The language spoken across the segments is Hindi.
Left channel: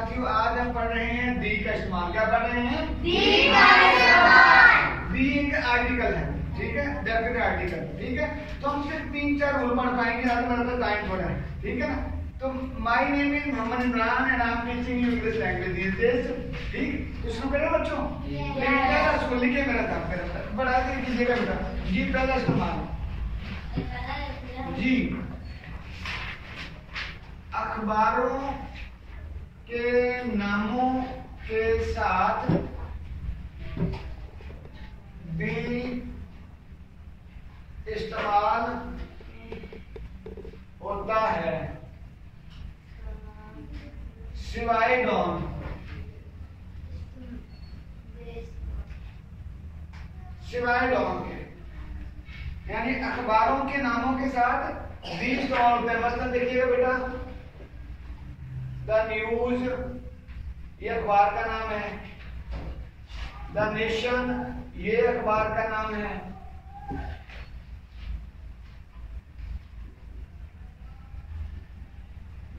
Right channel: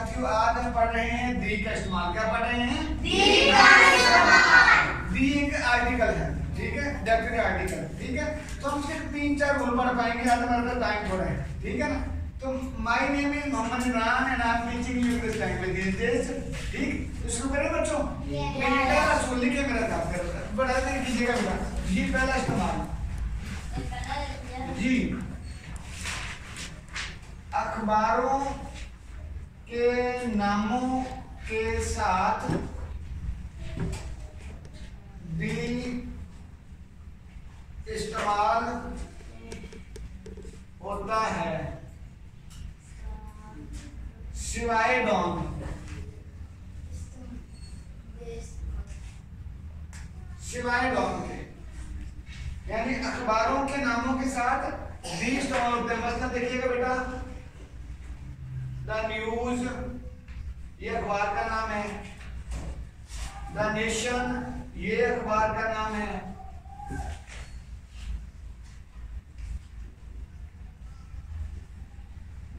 साथियों, आज हम पढ़ रहे हैं दी का इस्तेमाल। क्या पढ़ रहे हैं? दी का इस्तेमाल। दी एक आर्टिकल है, ठीक है, डेफिनेट आर्टिकल, ठीक है। तो हम इसके 3-4 रूल पढ़ पाएंगे, ज्यादा टाइम थोड़ा है, ठीक है ना। तो my name is Mohammad Imran and I am teaching you English language this days, ठीक। तो शुरू करें बच्चों? मेरा पहला स्कूल लिखे मेरा था, फिर बढ़ा के कीजिएगा बेटा। जी पहला इस्तेमाल जी, अखबारों के नामों के साथ दी इस्तेमाल होता है सिवाय डॉन। सिवाय डॉन के, यानी अखबारों के नामों के साथ दी इस्तेमाल होते हैं। मसलन देखिएगा बेटा, द न्यूज ये अखबार का नाम है, द नेशन ये अखबार का नाम है,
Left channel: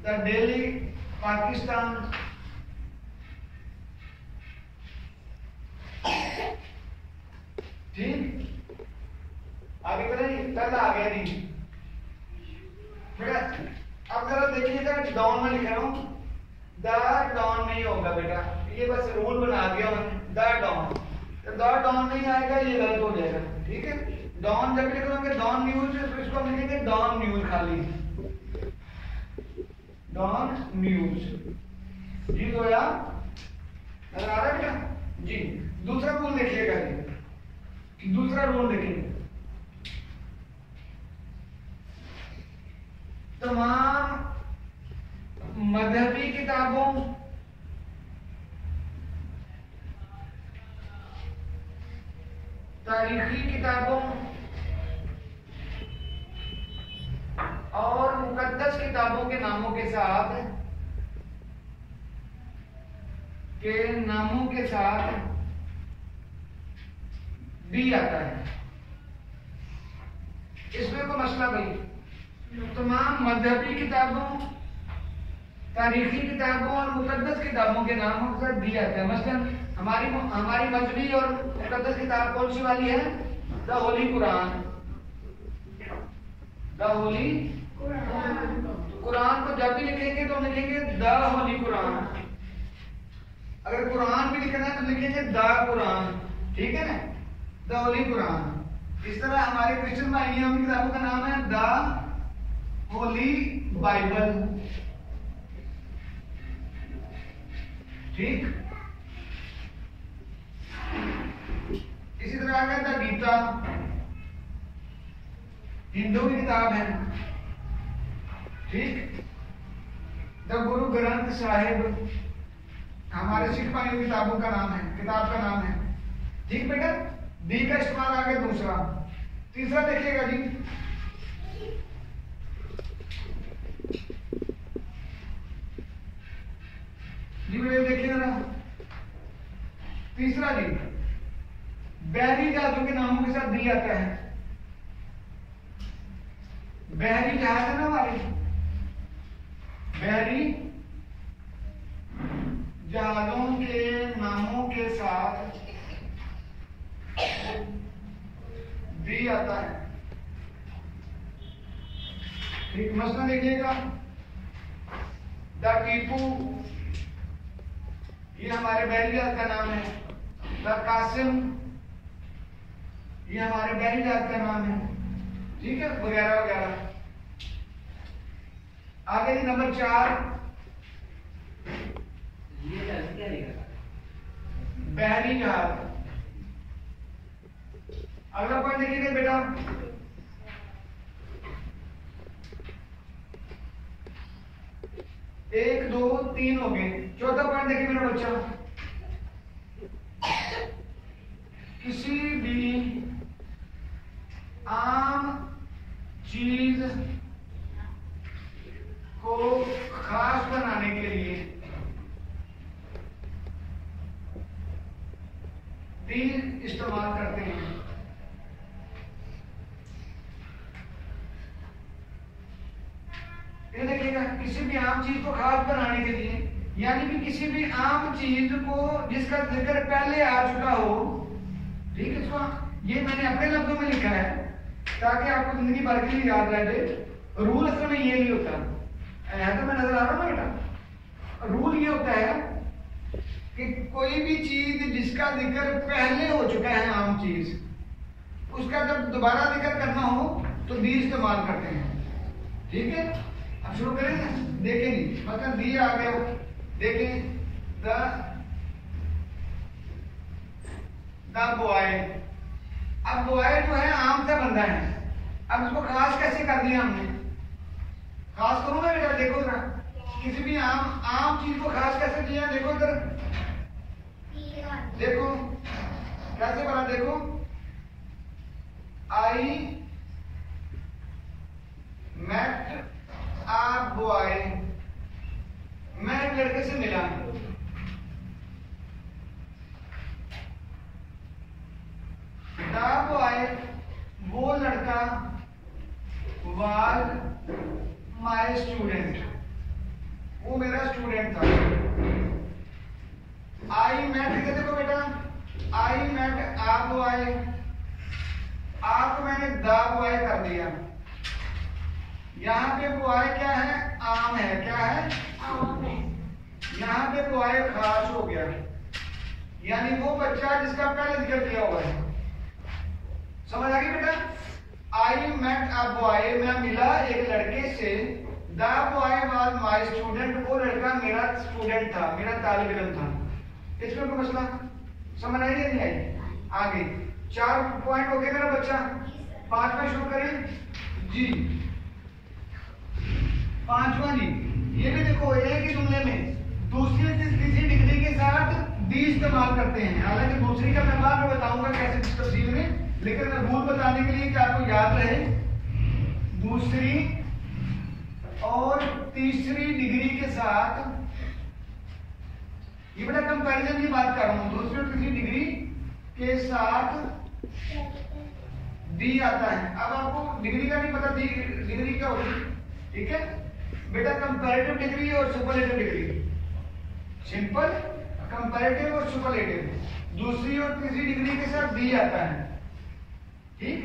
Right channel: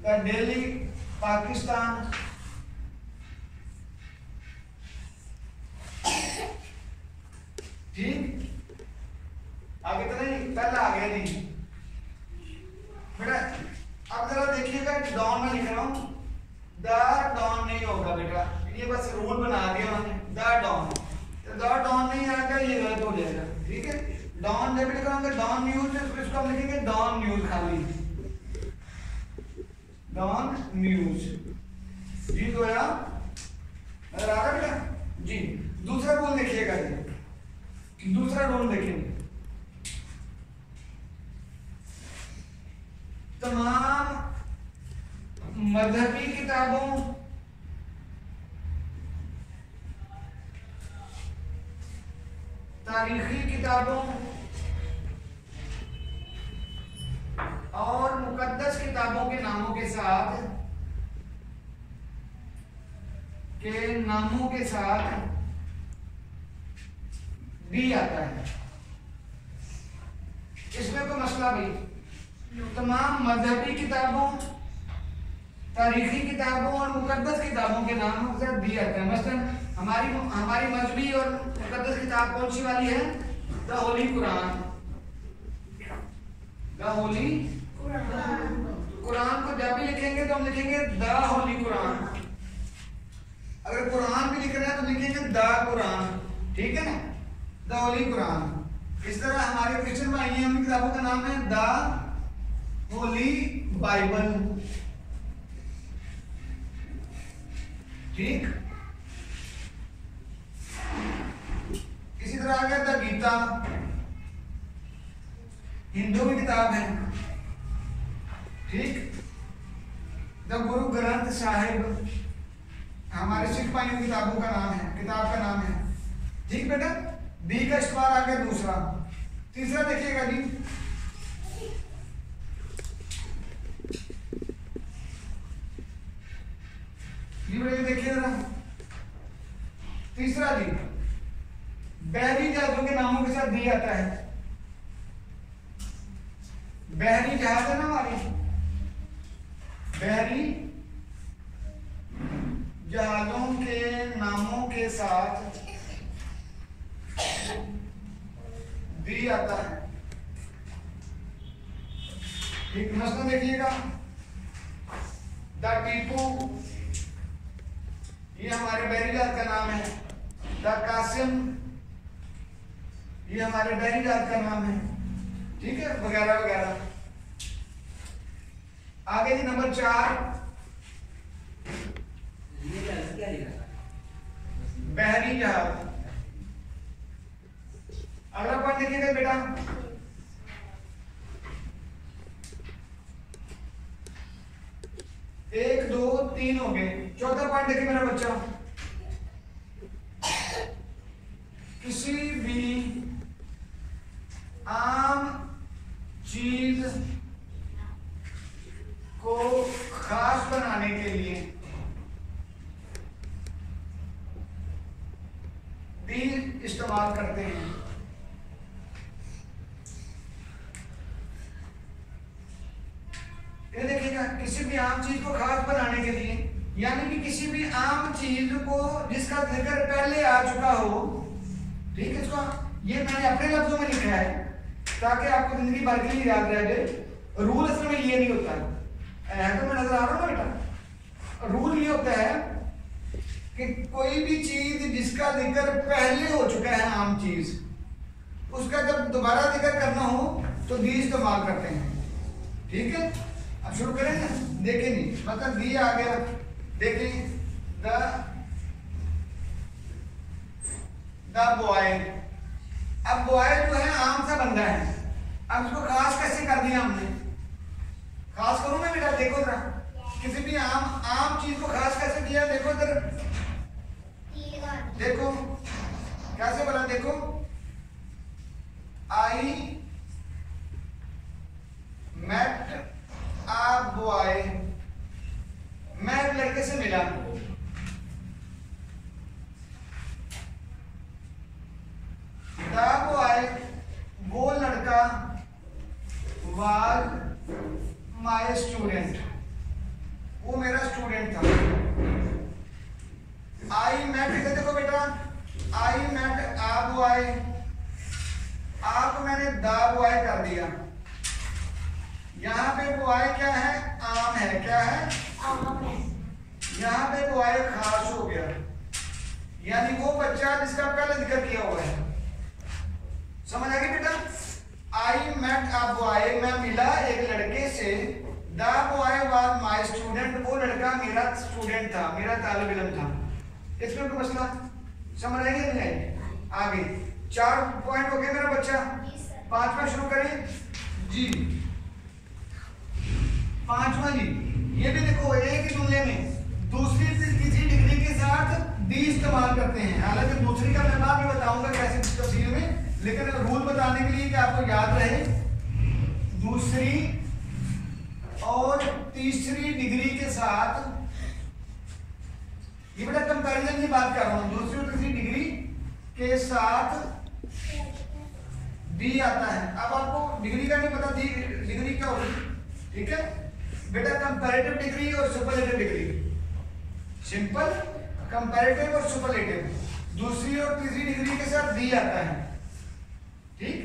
द डेली पाकिस्तान, ठीक। आगे तो नहीं, पहला आ गया नहीं बेटा। अब जरा देखिएगा, डॉन में लिख रहा हूं, द डॉन नहीं होगा बेटा, ये बस रूल बना दिया उन्होंने, द डॉन। तो द डॉन नहीं आएगा, ये गलत हो जाएगा, ठीक है। डॉन जब लिख रहे डॉन न्यूज, तो इसको हम लिखेंगे डॉन न्यूज खाली, डॉन न्यूज, ठीक हो गया, नजर आ रहा है बेटा जी। दूसरा रूल देखिएगा, दूसरा रूल देखेंगे, तमाम मजहबी किताबों, तारीखी किताबों और मुकद्दस किताबों के नामों के साथ डी आता है। इसमें कोई मसला भाई, तमाम मजहबी किताबों, तारीखी किताबों और मुकद्दस किताबों के नामों के साथ डी आता है। मसलन हमारी मजहबी और मुकद्दस किताब कौन सी वाली है? द होली कुरान। द होली कुरान को जब भी लिखेंगे तो हम लिखेंगे द होली कुरान। अगर कुरान भी लिखना है तो लिखेंगे द कुरान, ठीक है ना, द होली कुरान। इस तरह हमारे क्रिश्चियन भाई हैं, उनकी किताबों का नाम है द होली बाइबल, ठीक। इसी तरह आ गया द गीता, हिंदू की किताब है, ठीक। द गुरु ग्रंथ साहिब हमारे सिख भाइयों की किताबों का नाम है, किताब का नाम है, ठीक बेटा। डी का इस्तेमाल आ गया दूसरा। तीसरा देखिएगा जी, बेटा देखिए जरा, तीसरा जी, बहरी जहाजों के नामों के साथ डी आता है। बहरी जहाज है ना हमारी, बहरी जहाजों के नामों के साथ डी आता है, ठीक। मसलन देखिएगा, द टीपू ये हमारे बहरी जहाज का नाम है, द कासिम ये हमारे बहरी जहाज का नाम है, ठीक है, वगैरह वगैरह। आगे जी नंबर 4, बहरी जहाज। अगला पॉइंट देखिएगा बेटा, एक दो तीन हो गए। चौथा पॉइंट देखिए मेरा बच्चा, किसी भी आम चीज को खास बनाने के लिए डी इस्तेमाल करते हैं। ये देखिएगा, किसी भी आम चीज को खास बनाने के लिए यानी कि किसी भी आम चीज को जिसका जिक्र पहले आ चुका हो, ठीक है, इसको ये मैंने अपने लफ्जों में लिखा है ताकि आपको जिंदगी भर के लिए याद रह जाए। रूल असल में ये नहीं होता है, तो मैं नजर आ रहा हूँ बेटा। रूल ये होता है कि कोई भी चीज जिसका जिक्र पहले हो चुका है, आम चीज, उसका जब दोबारा जिक्र करना हो तो दी इस्तेमाल करते हैं, ठीक है। अब शुरू करें ना, देखें नहीं मतलब दी आ गया, देखें द बॉय। अब बॉय जो है आम सा बंदा है, अब इसको खास कैसे कर दिया हमने? खास करूं मैं बेटा, देखो ना, किसी भी आम चीज को खास कैसे किया? देखो इधर, देखो कैसे बना, देखो आई मेट अ बॉय, मैं एक लड़के से मिला। द बॉय वो लड़का, वाज माय स्टूडेंट वो मेरा स्टूडेंट था। आई मेट, इधर देखो बेटा, आई मेट अ बॉय, आपको मैंने द बॉय कर दिया। यहाँ पे बॉय क्या है? आम है, क्या है? आम है। यहाँ पे बॉय खास हो गया, यानी वो बच्चा जिसका पहले जिक्र किया हुआ है। समझ आ गई बेटा? आई मेट अ बॉय, मैं मिला एक लड़के से। The boy was my student, वो लड़का मेरा स्टूडेंट था, मेरा तालिब इल्म था। इसमें कोई मसला समझ आई नहीं आई? आगे 4 पॉइंट हो गए मेरा बच्चा, 5वां शुरू करें जी। 5वां जी, ये भी देखो, एक ही जुमले में दूसरी तीसरी डिग्री के साथ दी इस्तेमाल करते हैं। हालांकि दूसरी का मैं बाद में बताऊंगा कैसे तफसील में, लेकिन रूल बताने के लिए कि आपको याद रहे, दूसरी और तीसरी डिग्री के साथ, ये बड़ा कंपैरिजन की बात कर रहा हूं, दूसरी और तीसरी डिग्री के साथ डी आता है। अब आपको डिग्री का नहीं पता, डिग्री क्या होगी, ठीक है बेटा? कंपैरेटिव डिग्री और सुपरलेटिव डिग्री, सिंपल कंपैरेटिव और सुपरलेटिव, दूसरी और तीसरी डिग्री के साथ डी आता है, ठीक।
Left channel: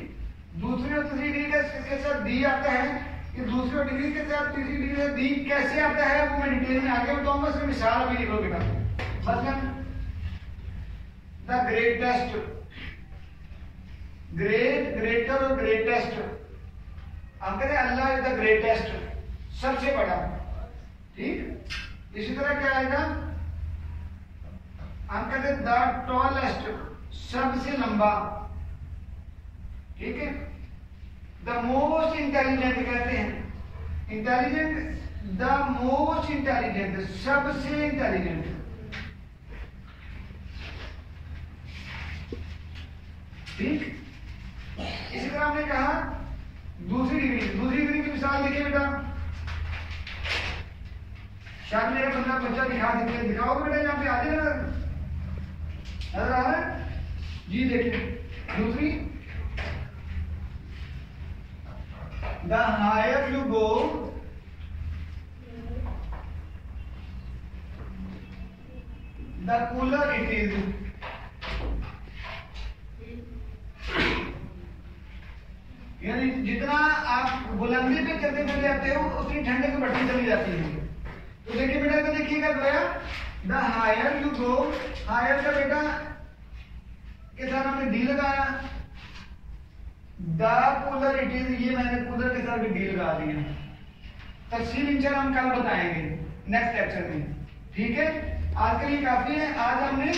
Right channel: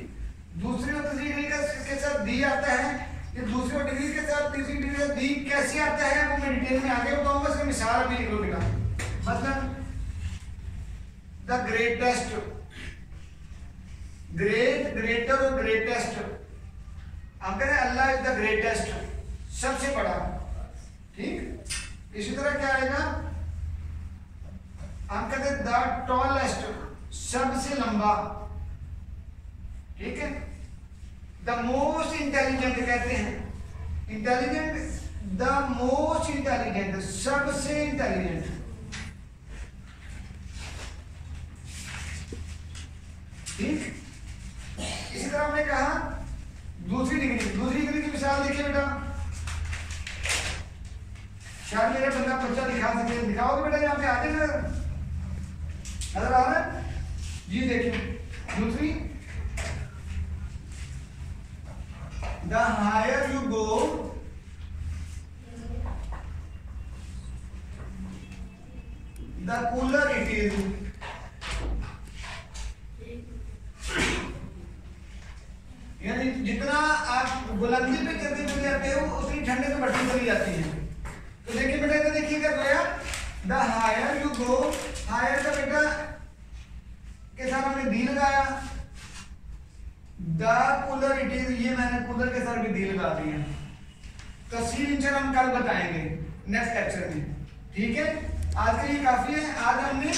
दूसरी और तीसरी डिग्री के साथ डी आता है। ये दूसरी और डिग्री के साथ तीसरी डिग्री के साथ डी कैसे आता है वो मैं डिटेल में आगे बताऊंगा, इसमें मिसाल भी लिख लो बेटा। मतलब द ग्रेटेस्ट, ग्रेट, ग्रेटर और ग्रेटेस्ट, हम कहते हैं अल्लाह इज द ग्रेटेस्ट, सबसे बड़ा, ठीक। इसी तरह क्या आएगा? हम कहते हैं द टॉलेस्ट, सबसे लंबा, ठीक है। द मोस्ट इंटेलिजेंट कहते हैं, इंटेलिजेंट, द मोस्ट इंटेलिजेंट, सबसे इंटेलिजेंट, ठीक। इसी तरह हमने कहा दूसरी डिग्री की मिसाल देखिए बेटा। शायद मेरा बच्चा दिखा दीजिए, दिखाओगे बेटा? यहाँ पे आगे नजर आ रहा है जी? देखिए दूसरी, the higher you go, the cooler it is, यानी जितना आप बुलंदी पे चलते चले जाते हो उतनी ठंडे पे बढ़ती चली जाती है। तो देखिए बेटा, इधर देखिएगा गया the higher you go, higher का बेटा के साथ हमने डी लगाया, द कूलर इट इज, ये मैंने कूलर के साथ भी डी लगा दिया। तफसील इंशाल्लाह हम कल बताएंगे नेक्स्ट लेक्चर में, ठीक है। आज के लिए काफी है, आज हमने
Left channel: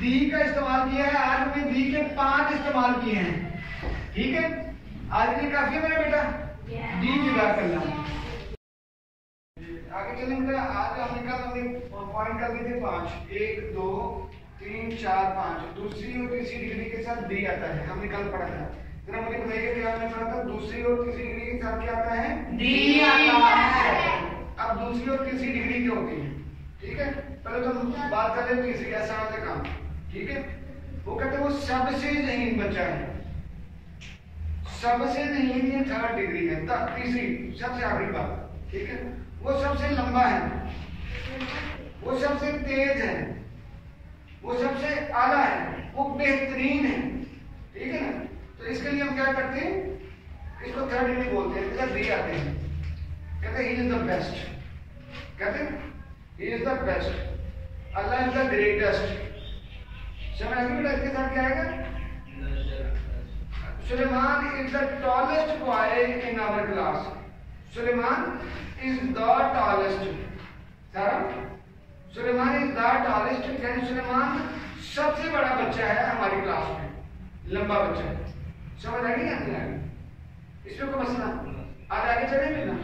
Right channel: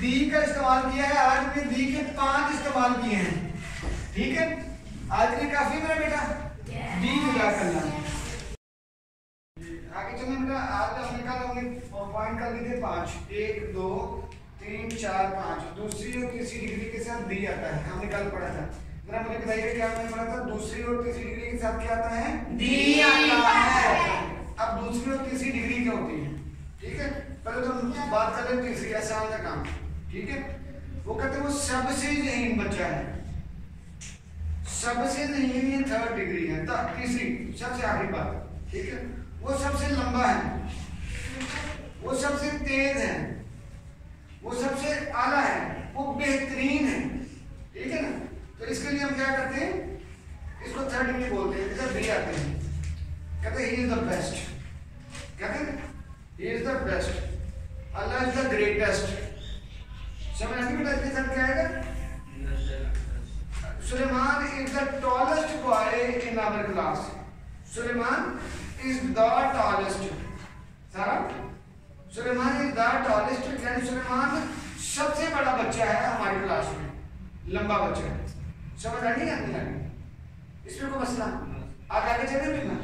दी का इस्तेमाल किया है, आज हमने दी के 5 इस्तेमाल किए हैं, ठीक है। आज के लिए काफी है मेरा बेटा जी, जज़ाकल्लाह। आगे चलें बेटा, आज हमने कल हमने पॉइंट कर दिए थे 5, 1 2 3 4 5, दूसरी और तीसरी डिग्री के साथ दी आता है, हमने कल पढ़ा था। जरा मुझे बताइए क्या हमने पढ़ा था? दूसरी और तीसरी डिग्री के साथ क्या आता है? डी आता है। अब दूसरी और तीसरी डिग्री क्या होती है, ठीक है। पहले तो हम बात कर लें तीसरी, कैसा आता है काम, ठीक है। वो कहते हैं वो सबसे ज़हीन बच्चा है, सबसे ज़हीन, ये 3rd डिग्री है, तीसरी सबसे आखिरी बात, ठीक है। वो सबसे लंबा है, वो सबसे तेज है, वो सबसे आला है, वो बेहतरीन है, ठीक है ना। तो इसके लिए हम क्या करते हैं, इसको थर्ड डिग्री बोलते हैं, इधर दी आते हैं, कहते हैं ही इज द बेस्ट, कहते हैं he is the best, Allah is the greatest. समझ आ गई बेटा, इसके साथ क्या आएगा, Suleman is the tallest boy in our class, Suleman is the tallest, सारा सुलेमान इज द टॉलेस्ट, यानी सुलेमान सबसे बड़ा बच्चा है हमारी क्लास में, लंबा बच्चा है। समझ आ गई या नहीं आ गई, इसमें कोई मसला, आगे चले भी ना।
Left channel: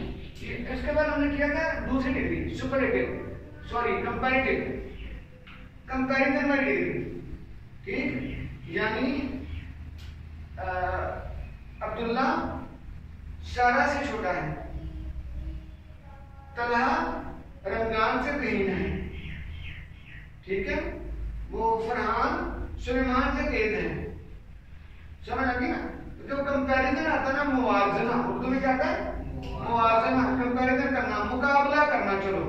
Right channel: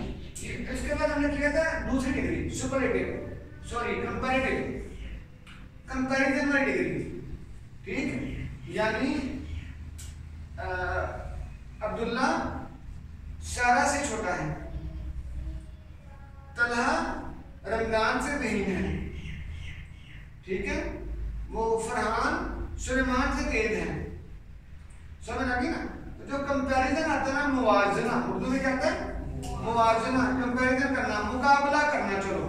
इसके बाद हमने किया था दूसरी degree, superlative, sorry comparative, comparison वाली डिग्री, ठीक। यानी अब्दुल्ला सारा से छोटा है, तलहा रमजान से तीन है, ठीक है, वो फरहान सुलेमान से तेज है। समझ आ गई ना। तो जो कंपैरिजन आता है ना, मुवाजना, उर्दू में क्या आता है, मुवाजना, कंपैरिजन करना, मुकाबला करना, चलो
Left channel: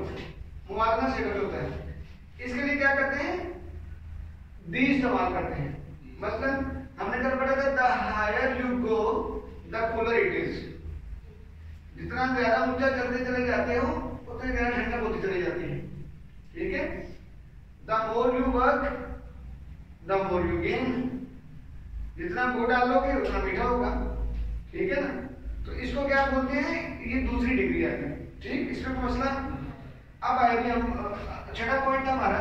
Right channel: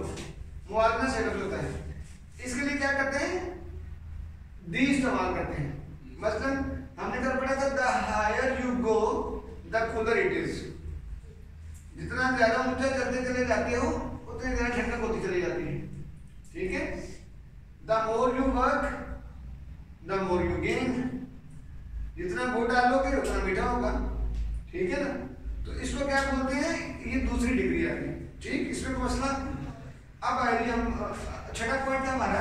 मुवाजना से कब होता है, इसके लिए क्या करते हैं, दी इस्तेमाल करते हैं। मसलन हमने कल पढ़ा था the higher you go the cooler it is, जितना ज्यादा ऊंचा चलते चले जाते हो उतनी ज्यादा ठंडक होती चली जाती है, ठीक है। The more you work the more you gain, जितना गुड़ डालोगे उतना मीठा होगा, ठीक है ना। तो इसको क्या बोलते हैं, ये दूसरी डिग्री आ गई, ठीक। इसमें कोई मसला। अब आएगी हम छठा पॉइंट था हमारा,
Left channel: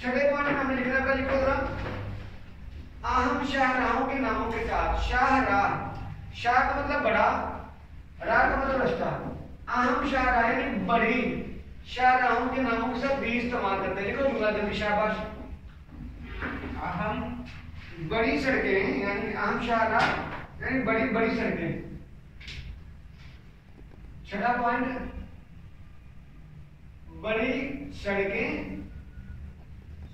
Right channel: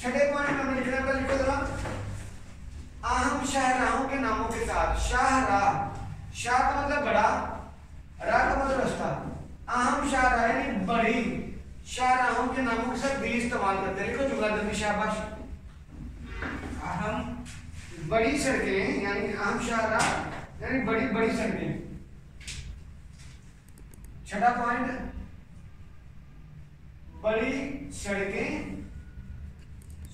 छठे पॉइंट में हमने लिखना पड़ा, लिखो जरा, अहम शाहराहों के नामों के साथ, शाहराह, शाह का मतलब बड़ा, राह का मतलब रास्ता, अहम शाहराह यानी बड़ी शाहराहों के नामों के साथ दी इस्तेमाल करते हैं। लिखो जुमला जल्दी, शाबाश। अहम बड़ी सड़कें, यानी अहम शाहराह यानी बड़ी बड़ी सड़कें। छठा पॉइंट, बड़ी सड़कें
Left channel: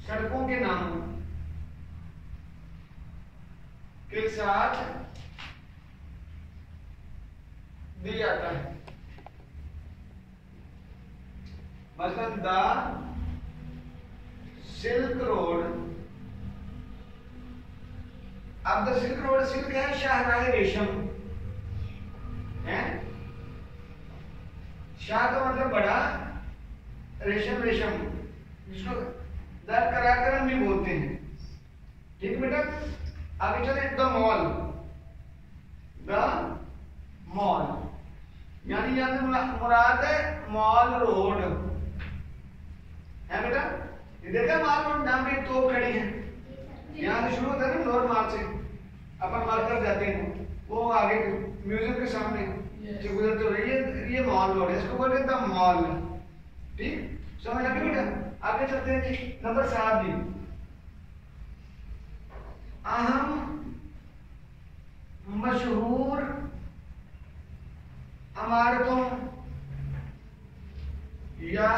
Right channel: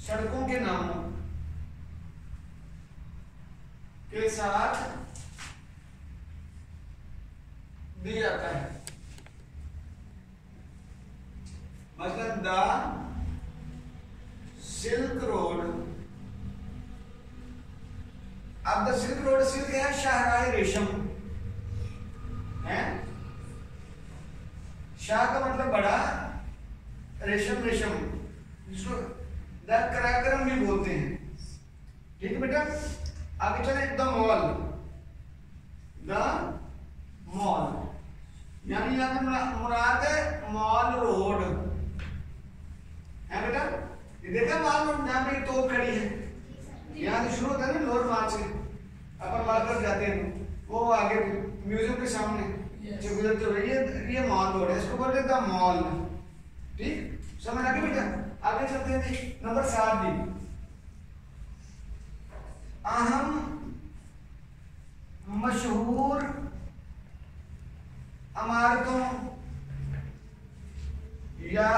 सड़कों के नामों के साथ दिया जाता है। मतलब द सिल्क रोड, अब द सिल्क रोड, सिल्क है शाहराह रेशम है, शाह का मतलब बड़ा, रेशम रेशम, जिसको द कराकरम भी बोलते हैं, ठीक बेटा। आगे चले, द मॉल, द मॉल यानी यहाँ पे मुराद है मॉल रोड है बेटा। ये देखा मॉल रोड, नाम एक तोप खड़ी है, यहाँ से शुरू होता है ना लोअर मार्ग से, अपन बात कर जाते हैं तो वो आगे म्यूजियम के सामने जो गुजरते हुए, ये मॉल रोड है, इसको बोलते हैं द मॉल, ठीक। समझ आ गई बेटा। आगे चलते हैं जी, नंबर 7 जी, अहम मशहूर इमारतों या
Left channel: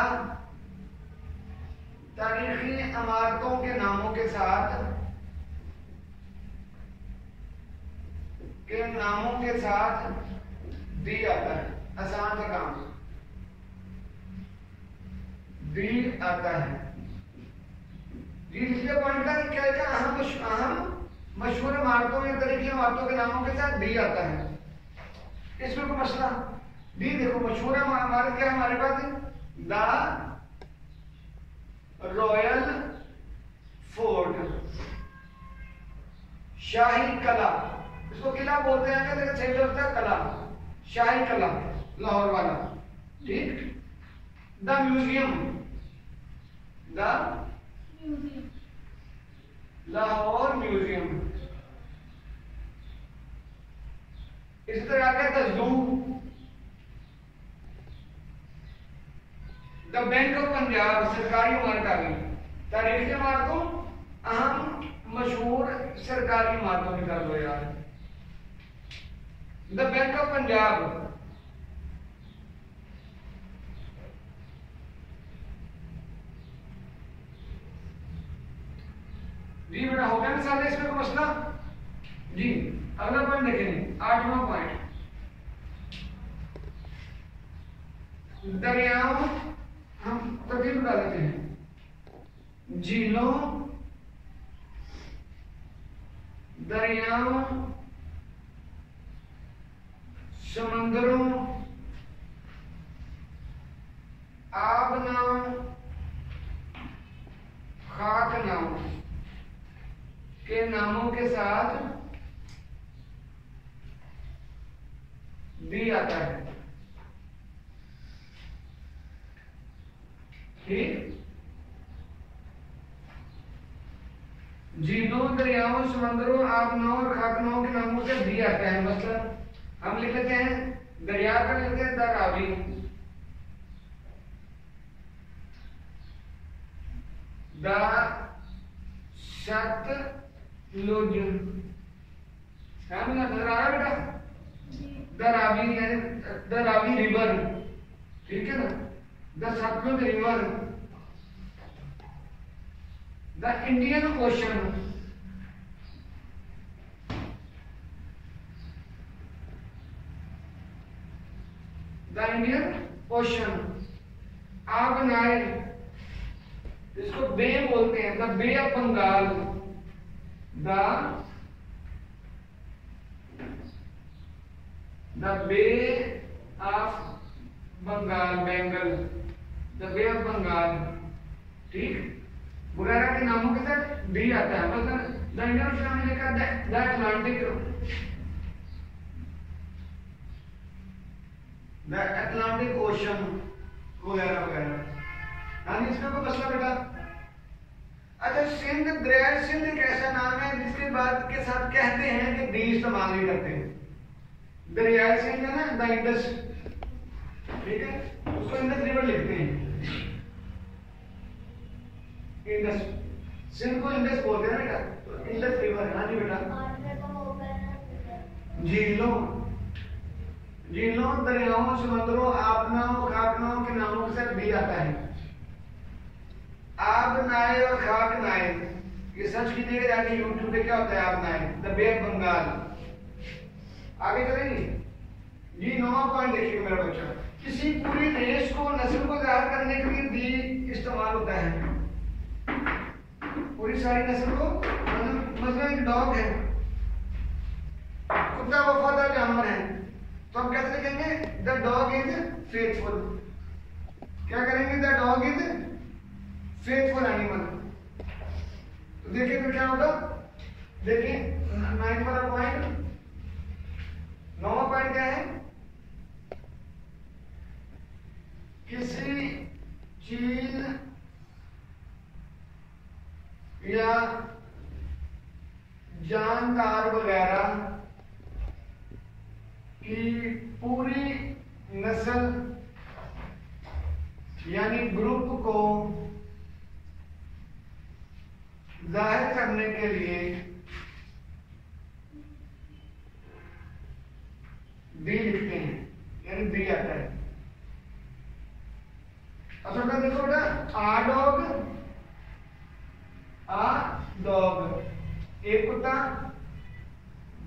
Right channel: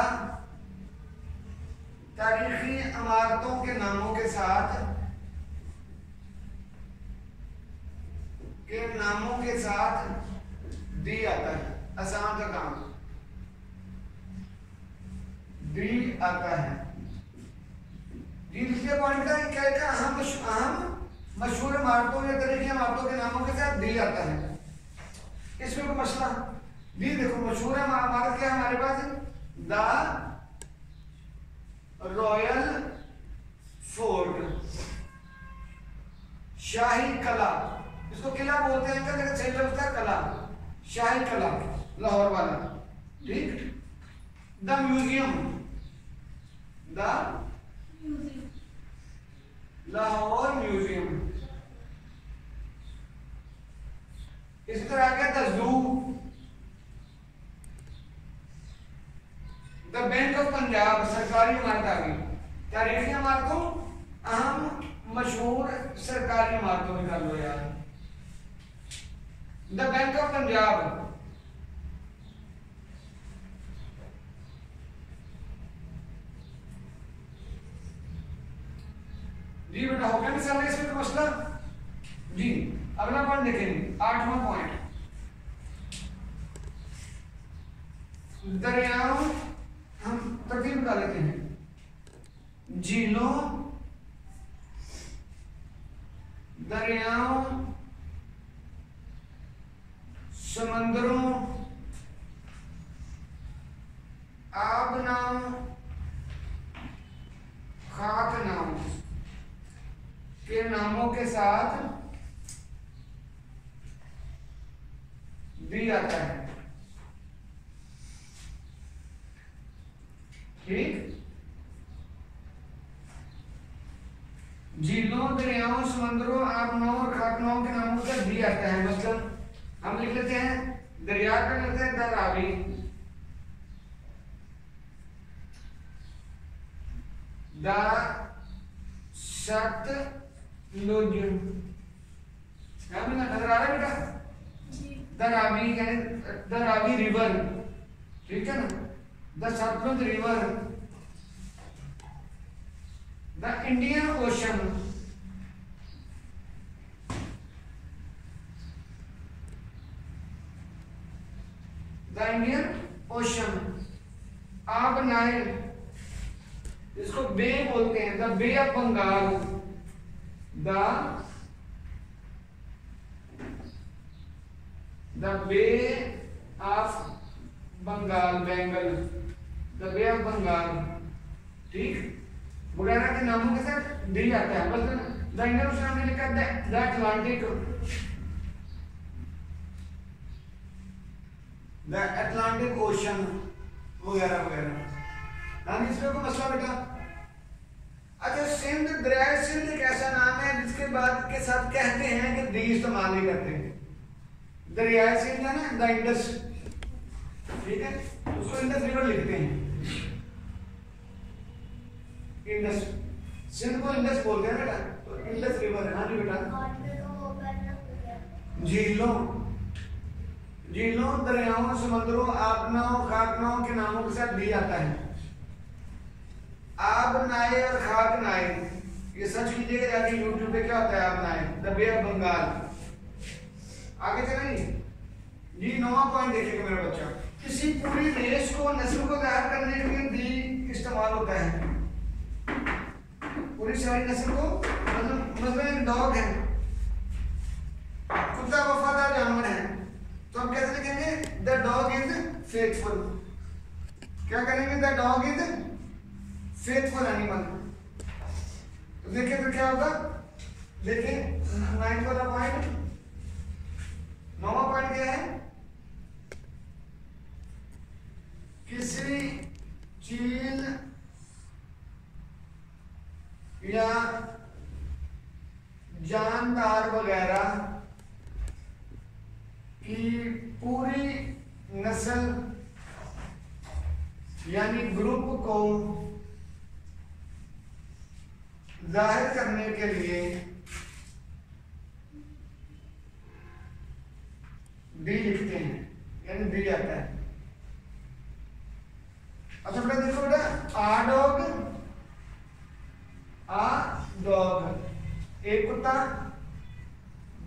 तारीखी इमारतों के नामों के साथ दी आता है, आसान सा काम, दी आता है। ये लिखिए पॉइंट का क्या क्या, अहम मशहूर इमारतों या तरीके इमारतों के नामों के साथ दी आता है। इसमें कोई मसला, दी देखो, मशहूर इमारत क्या हमारे पास है, द रॉयल फोर्ट, शाही कला, इसको किला बोलते हैं क्या, लेकिन सही लफ्ज़ था कला, शाही कला लाहौर वाला, ठीक। The museum, the Lahore museum. इस तरह आ गया the zoo, the bank of Punjab, सरकारी इमारत आ गई। तारीखी इमारतों, अहम मशहूर सरकारी इमारतों निकाल लो यार। द बैंक ऑफ पंजाब, जी बेटा हो गया मिसाल है, इसमें कोई मसला जी। अगला पॉइंट देखेंगे, 8वां पॉइंट, दरियाओं, हम तरतीब बता देते हैं, झीलों, दरियाओं, समंदरों, आब नाव, खाक नाव के नामों के साथ दी आता है। ठीक, झीलों, दरियाओं, समंदरों, आबनाओं और खाकनाओं के नामों से दी आता है। मतलब हम लिख लेते हैं दरिया का, लिखते हैं द रावी, द सतलुज, नजर आ रहा है बेटा? द रावी यानी द रावी रिवर, ठीक है ना? The Sutlej river, the Indian ocean, the Indian ocean, आप नाइल, इसको बे बोलते हैं, the bay of Bengal, the bay of Bengal, Bengal, the bay of Bengal, ठीक, वगैरह के नामों के साथ डी आता है। मतलब द इंडियन ओशन हमने लिखा द अटलांटिक ओशन वगैरह वगैरह। हाँ, इसमें कोई मसला बेटा? अच्छा, सिंध, दरिया सिंध एक ऐसा नाम है जिसके बाद के साथ कहते हैं कि दी इस्तेमाल नहीं करते हैं। दरिया सिंध है ना, द इंडस, ठीक है, उसको इंडस रिवर लिखते हैं, इंडस, सिंध को इंडस बोलते हैं बेटा, तो इंडस रिवर है। हाँ जी बेटा। झीलों, झीलों, दरियाओं, समंदरों, आबनाओं, खाकनाओं के नामों के साथ दी जाता है। आब नाय और खाक नाय, ये सर्च कीजिएगा जाके यूट्यूब पे, क्या होता है आब नाय, द बे ऑफ बंगाल। आगे चलेंगे जी। 9वां पॉइंट देखिएगा मेरा बच्चा, किसी पूरी रेस को, नस्ल को जाहिर करने के लिए दी इस्तेमाल होता है। पूरी सारी नस्ल को, मतलब एक डॉग है, कुत्ता वफादार जानवर है, तो हम कैसे लिखेंगे? The dog is faithful. क्या करेंगे? The dog is faithful animal. तो देखिए फिर क्या होगा, देखिए 9वां पॉइंट, 9वां पॉइंट क्या है? किसी चीज या जानदार वगैरह की पूरी नस्ल यानी ग्रुप को जाहिर करने के लिए डी लिखते हैं, यानी डी आता है। अच्छा बेटा देखो बेटा, आ डॉग एक कुत्ता,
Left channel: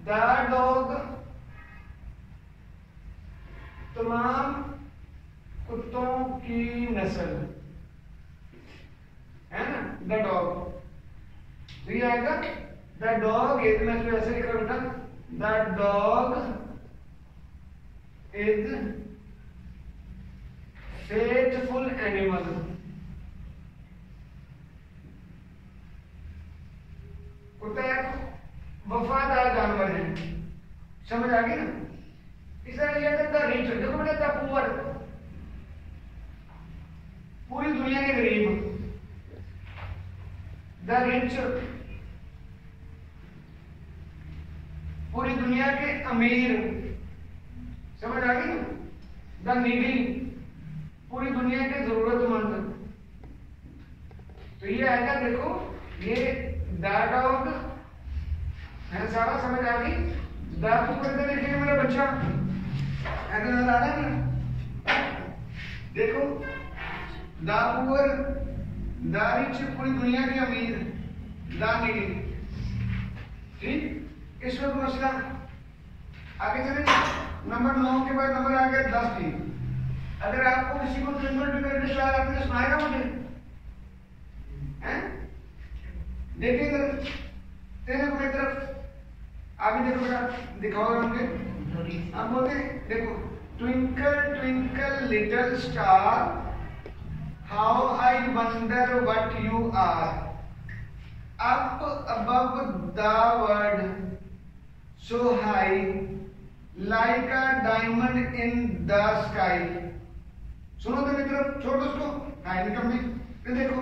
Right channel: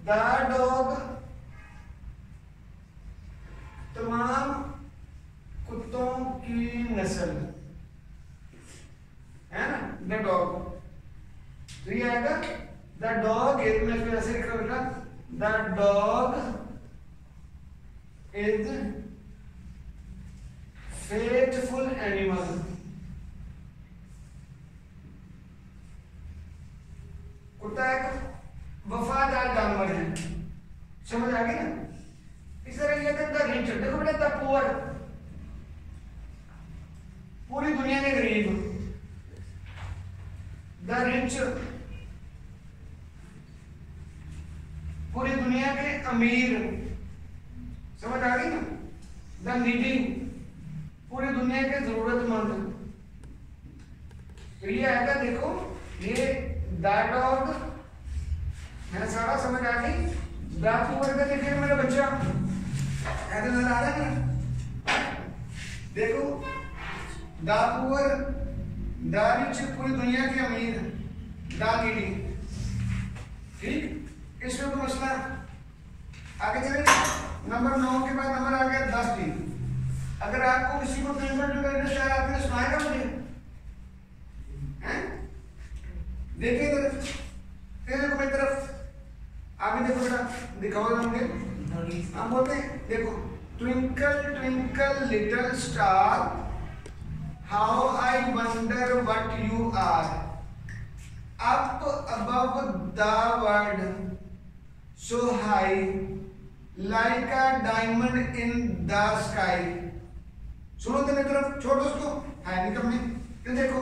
द डॉग तमाम कुत्तों की नस्ल है ना, द डॉग। तो ये आएगा द डॉग इज, मैं इसको ऐसे लिख रहा हूं, the dog is faithful animal. कुत्ता एक वफादार जानवर है, समझ आ गई ना? इस तरह लिया था द रिच, देखो बेटा द पुअर, पूरी दुनिया के गरीब, द रिच पूरी दुनिया के अमीर, समझ आ गई ना? द नीडी पूरी दुनिया के जरूरतमंद। तो ये आएगा, देखो ये द डॉग है, सारा समझ आ गई। द पुअर इधर लिखे मेरा बच्चा, ऐसे नजर आ रहा है ना? देखो द पुअर, द रिच पूरी दुनिया के अमीर, द नीडी, ठीक, इसमें कोई मसला? आगे चलेंगे। नंबर 9 के बाद नंबर आ गया 10 डी। अगर आपको किसी को आपने सुनाएगा मुझे, हैं? देखिए इधर, देखो मेरी तरफ, आगे देखो बेटा, दिखाओ मुझे। हम बोलते हैं देखो, twinkle twinkle little star how I wonder what you are, up above the world so high like a diamond in the sky। सुनो तो मेरी तरफ, छोड़ दो उसको, हाय निकल में। फिर देखो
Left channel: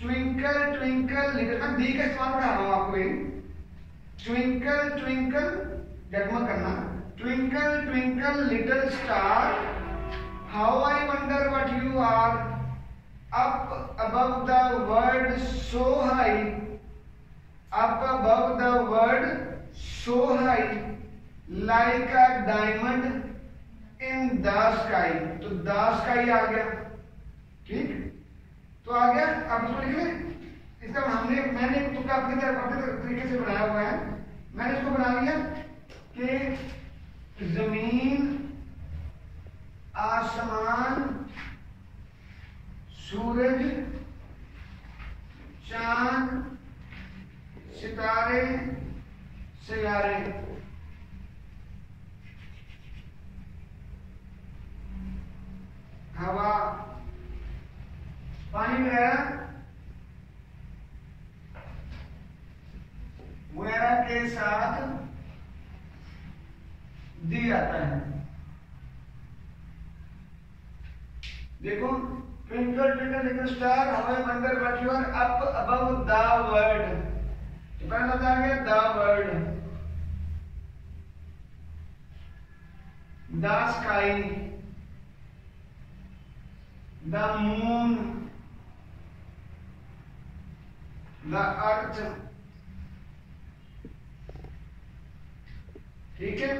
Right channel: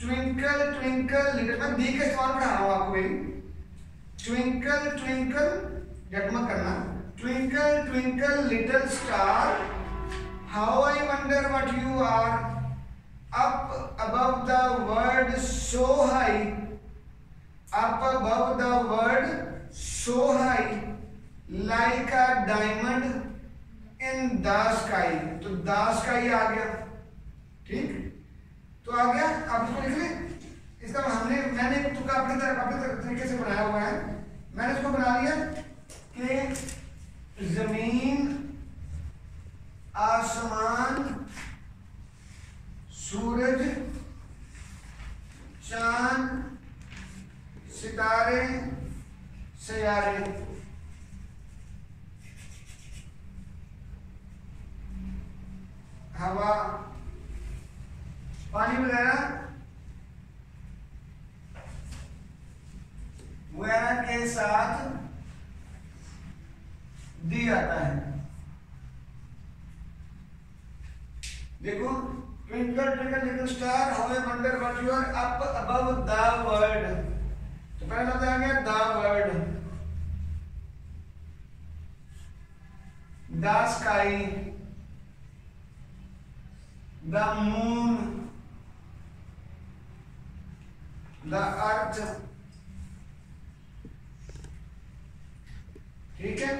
ट्विंकल ट्विंकल लिटिल, मैं दी का इस्तेमाल पढ़ा रहा हूँ आपको भाई। ट्विंकल ट्विंकल, जगमग करना, twinkle twinkle little star how I wonder what you are, up above the world so high, up above the world so high like a diamond in the sky। तो the sky आ गया, ठीक, तो आ गया। अब इसको लिख लें, इसका मैंने तुक्का अपनी तरीके से बनाया हुआ है। मैंने इसको बना लिया कि जमीन आसमान सूरज चांद सितारे सयारे, हवा पानी वगैरह के साथ दी जाता है। देखो twinkle twinkle little star how I wonder what you are, up above the world, तो पहला लफ्ज आ गया the world, the sky, the moon, the earth, ठीक है,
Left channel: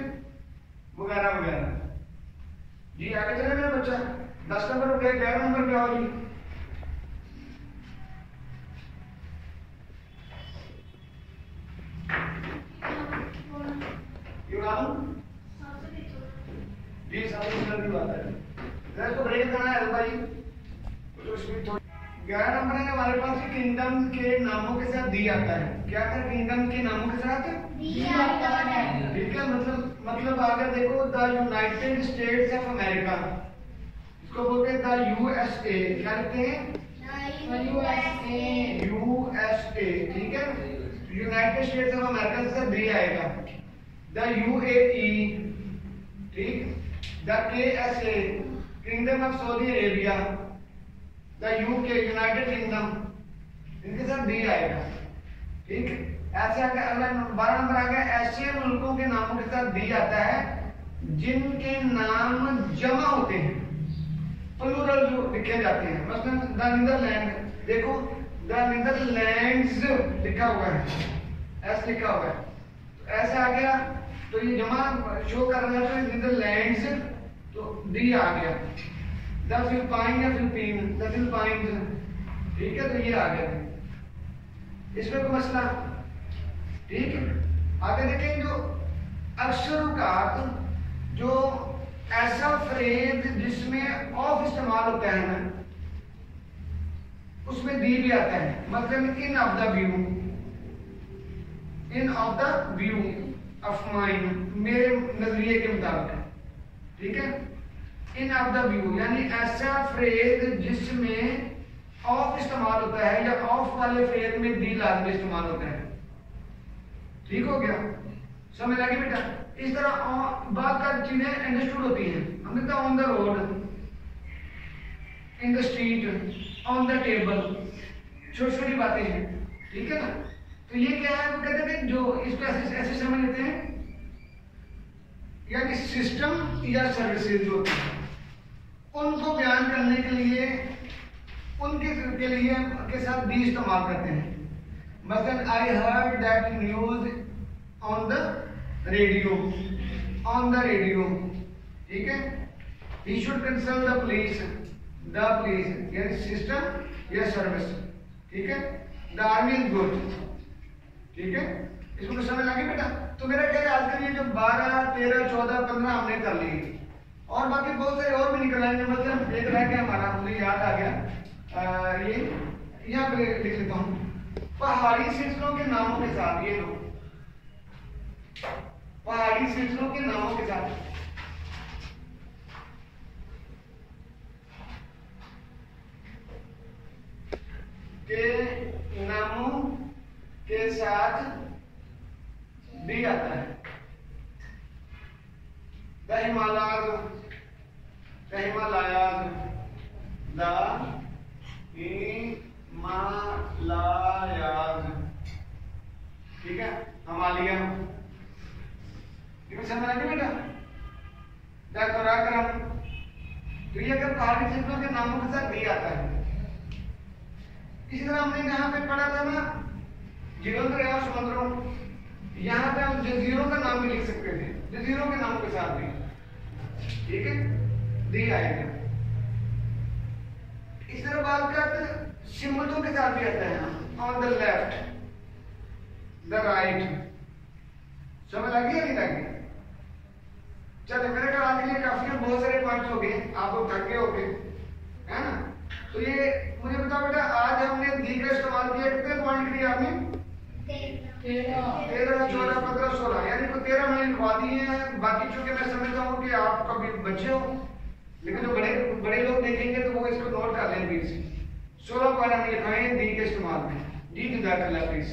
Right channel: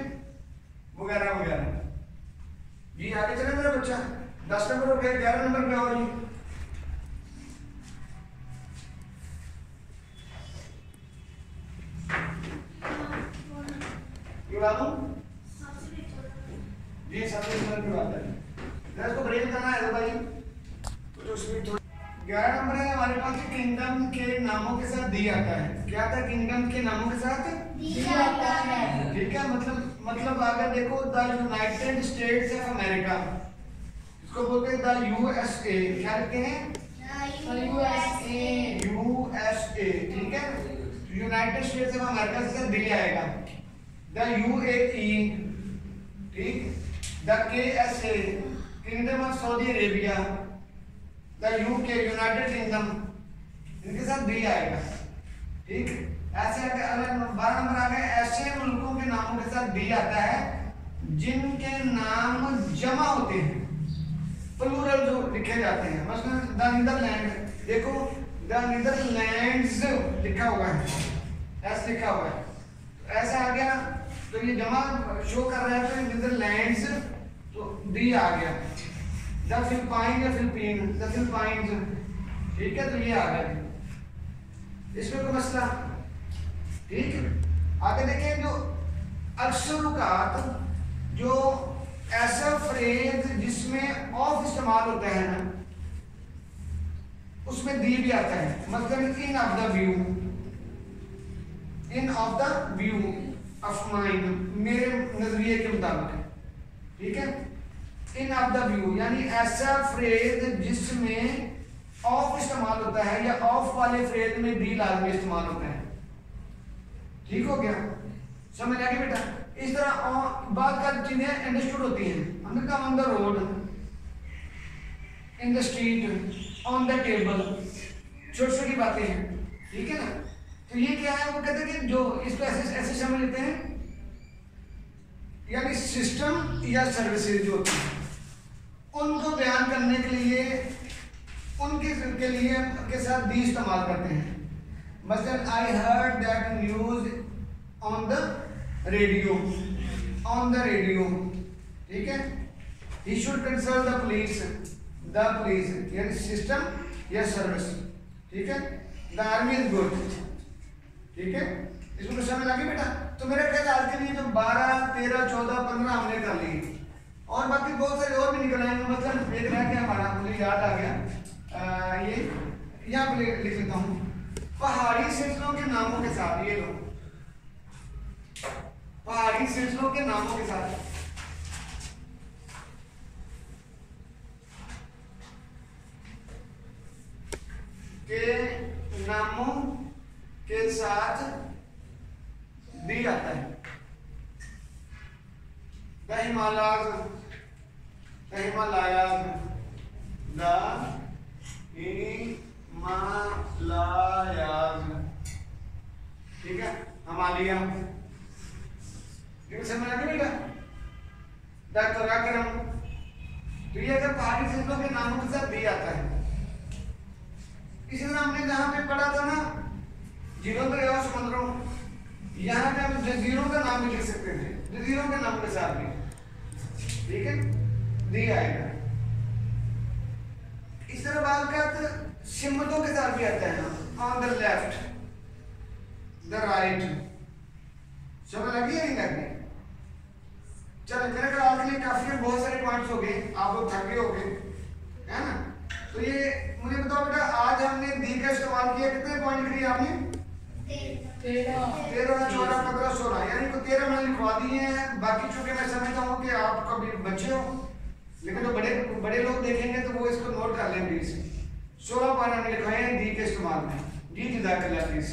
वगैरह वगैरह। जी आगे चले मेरा बच्चा, 10 नंबर हो गया, 11 नंबर क्या हो जी। जी सबसे की बात है, इसको ब्रेक करना है भाई, कुछ उसमें तो 11 नंबर है हमारे पास, किंगडम के नामों के साथ दी जाता है। क्या था, किंगडम के नामों के साथ दिया जाता है, ठीक है। मतलब अगर देखो the United states of America, इसको बोलते हैं द यूएसए, क्या लिखते हैं यूएसए, ठीक है। यूनाइटेड स्टेट्स ऑफ अमेरिका से दी आएगा, द यूएई, ठीक, the KSA kingdom of Saudi Arabia, the UK United kingdom, इनके साथ दी आएगा, ठीक। ऐसे अगर 12 नंबर आ गया, ऐसे मुल्कों के नामों के साथ दी जाता है जिनके नाम जमा होते हैं, प्लूरल जो लिखे जाते हैं। मसलन द नीदरलैंड, देखो द नीदरलैंड्स लिखा हुआ है, ऐसे लिखा हुआ है, ऐसे आ गया, तो ये जमा शो कर रहे हैं, तो नीदरलैंड्स, तो दी आ गया। द फिलिपाइन या फिलिपीन, द फिलिपाइंस, ठीक है, तो ये आ गया, इसमें कोई मसला, ठीक है। आगे देखें, जो अक्सरुकात, जो ऐसा फ्रेज जिसमें ऑफ इस्तेमाल होता है ना, उसमें दी भी आता है। मतलब in of the view, in of the view of mind, मेरे नजरिए के मुताबिक, ठीक है। इन ऑफ द व्यू यानी ऐसा फ्रेज जिसमें ऑफ इस्तेमाल होता है, या ऑफ वाले फ्रेज में दी लाजमी इस्तेमाल होता है, ठीक हो गया, समझ लगी बेटा। इस तरह बात का चीजें अंडरस्टूड होती हैं। हमने कहा on the road, in the street, on the table, छोटी छोटी बातें हैं, ठीक है ना। तो ये क्या है, वो कहते हैं कि जो इसको ऐसे ऐसे समझ लेते हैं, यानी सिस्टम या सर्विसेज जो होती हैं उनको बयान करने के लिए, उनके के लिए के साथ दी इस्तेमाल करते हैं। मसलन I heard that news on the radio, on the radio, ठीक है। He should consult the police, यानी सिस्टम या सर्विस, ठीक है। द आर्मी इज गुड, ठीक है। इसको तो समझ लगी बेटा। तो मेरा कहना आज के लिए जो 12, 13, 14, 15 हमने कर ली, और बाकी बहुत सारे और भी निकल आएंगे। मतलब एक रह गया हमारा, मुझे याद आ गया, ये यहाँ पे लिख लेता हूँ। पहाड़ी सिलसिलों के नामों के साथ, ये लो, पहाड़ी सिलसिलों के नामों के साथ दी आता है। The Himalayas, the Himalayas, the Himalayas, ठीक है, हिमालय, समझ आगे बेटा। द कराक्रम, तो ये अगर पहाड़ी सिलसिलों के नामों के साथ दी आता है। इसी तरह हमने जहां पे पढ़ा था ना जीवंत और समुद्रों, यहाँ पे हम जजीरों का नाम भी लिख सकते थे, जजीरों के नाम के साथ भी, ठीक है, दी आएगा। इस तरह बात करते सिमतों के साथ भी आता है, on the left, the right, समझ लगी या नहीं लगी? चलो मेरे ख्याल के लिए काफी है, बहुत सारे पॉइंट्स हो गए, आप लोग थक गए हो गए, है ना? तो ये मुझे बताओ बेटा, आज हमने दी का इस्तेमाल किया, कितने पॉइंट किए आपने? 13, 14, 15, 16, यानी को 13 मैंने लिखवा दिए हैं। बाकी चूंकि मैं समझता हूँ कि आप कभी बच्चे हो, लेकिन जो बड़े लोग देखेंगे तो वो इसको नोट कर लेंगे। 16 पॉइंट हमने लिखाए हैं दी के इस्तेमाल में। दी जुदा कर प्लीज।